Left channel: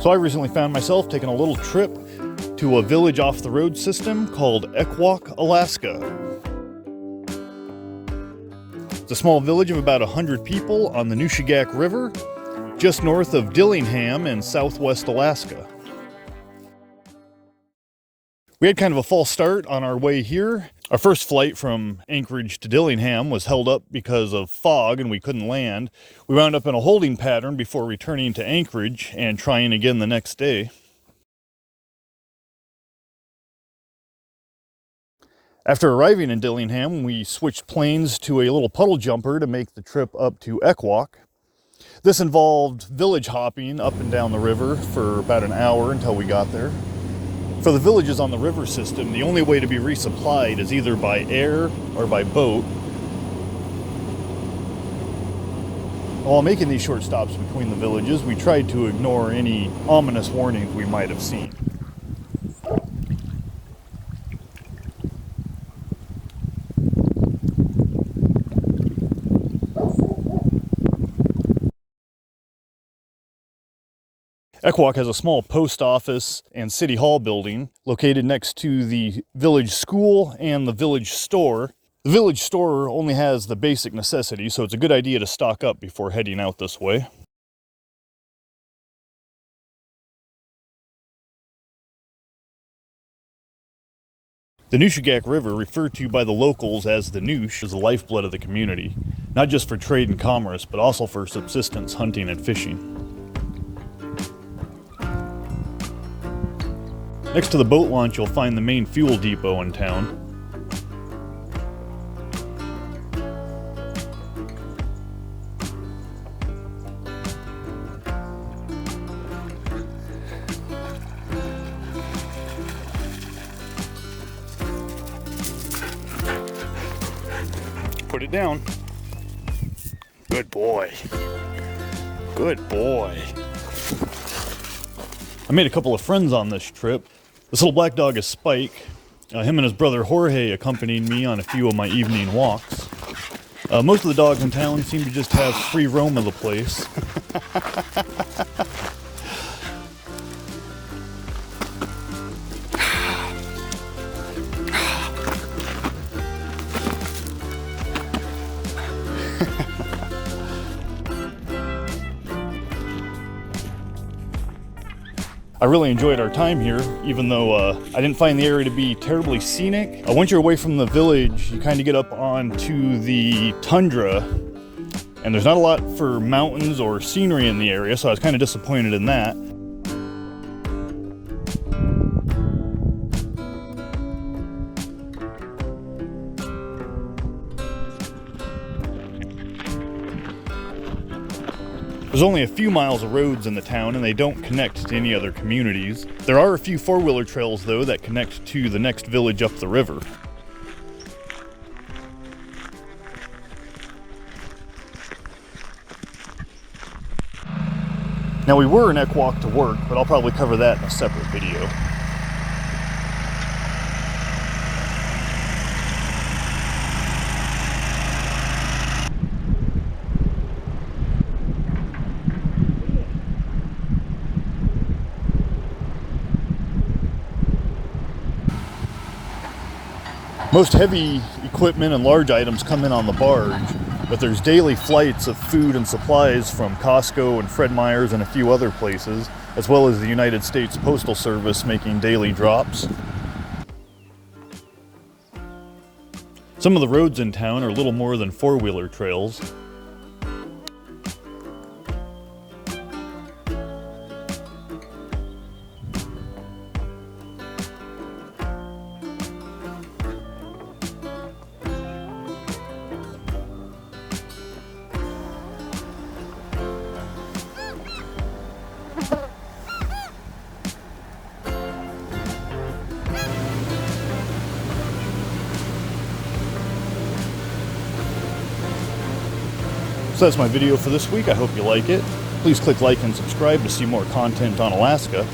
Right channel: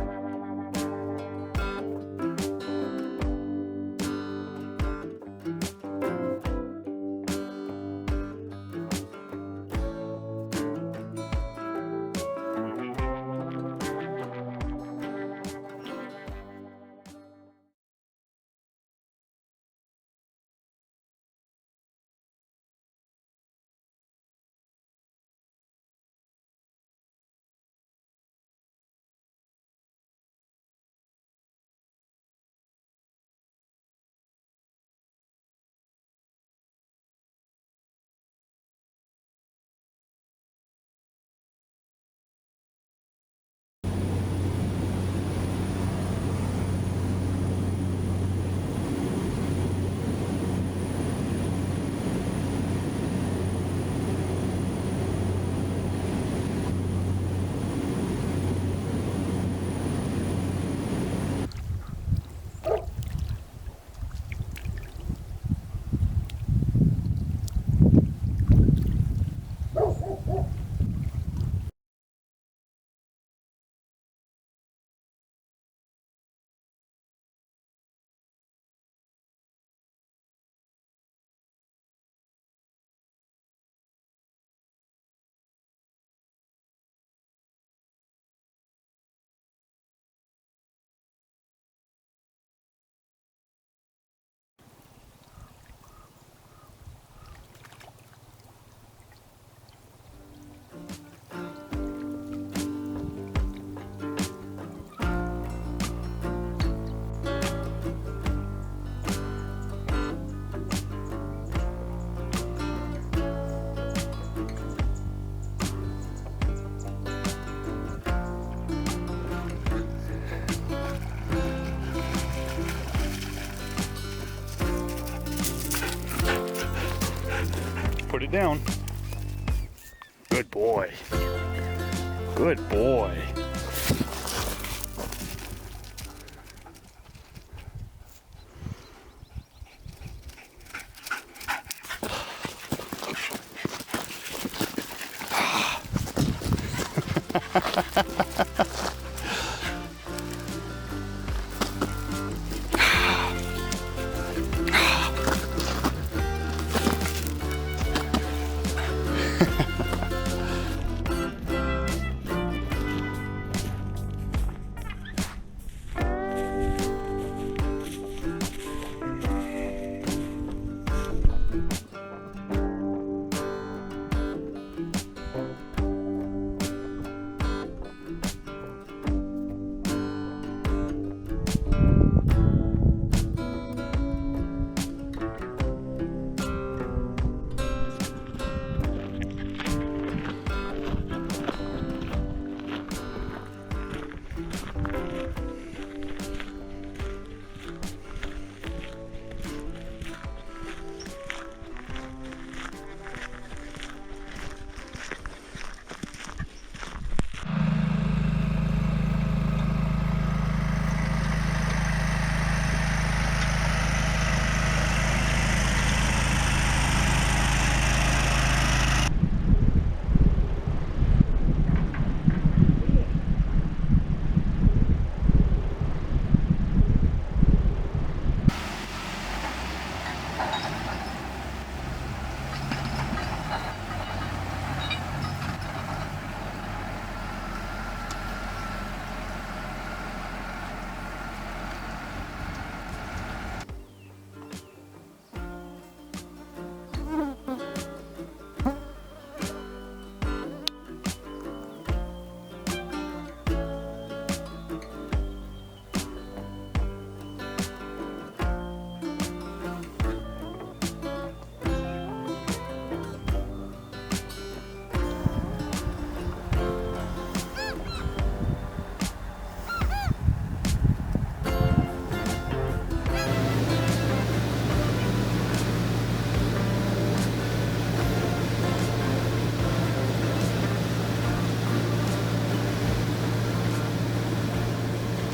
So I recently found myself taking a little trip to a village off the road system called Ekwok, Alaska. It's a small village of about 100 people on the Nushagak River, just north of Dillingham in southwest Alaska. We had kind of a false start on our way here. Our first flight from Anchorage to Dillingham was held up because of fog and we couldn't land. We wound up in a holding pattern before returning to Anchorage and trying again the next day. After arriving in Dillingham, we switched planes to a little puddle jumper to make the trip up to Ekwok. This involved village hopping up and down the river for about an hour until we got there. For the villages on the river system, the only way to be resupplied is either by air or by boat. While making these short stops between the villages, we tried to ignore any ominous warnings we might have seen. Ekwok has a small post office and city hall building located next to the village school and the village store. The village store only has the basic necessities, so it's a good idea to stock up before heading out this way. The Nushagak River, referred to by the locals as the Noosh, is the lifeblood of the community, not just for trade and commerce, but also for subsistence, hunting, and fishing. Next to the boat launch, you'll find the main fuel depot in town. Put it down. Good boy. Good boy. I made a couple of friends on this trip. This little black dog is Spike. Him and his brother Jorge accompanied me on a few of my evening walks. Most of the dogs in town seem to just have free roam of the place. I really enjoyed our time here, even though I didn't find the area to be terribly scenic. Once you're away from the village, you kind of get up onto the tundra, and there's not a lot for mountains or scenery in the area, so I was kind of disappointed in that. There's only a few miles of roads in the town and they don't connect to any other communities. There are a few four-wheeler trails though that connect to the next village up the river. Now we were in Ekwok to work, but I'll probably cover that in a separate video. Most heavy equipment and large items come in on the barge, but there's daily flights of food and supplies from Costco and Fred Meyer's and a few other places, as well as the United States Postal Service making daily drops. Some of the roads in town are little more than four-wheeler trails. So that's my video for this week. I hope you like it. Please click like and subscribe to see more content on Alaska.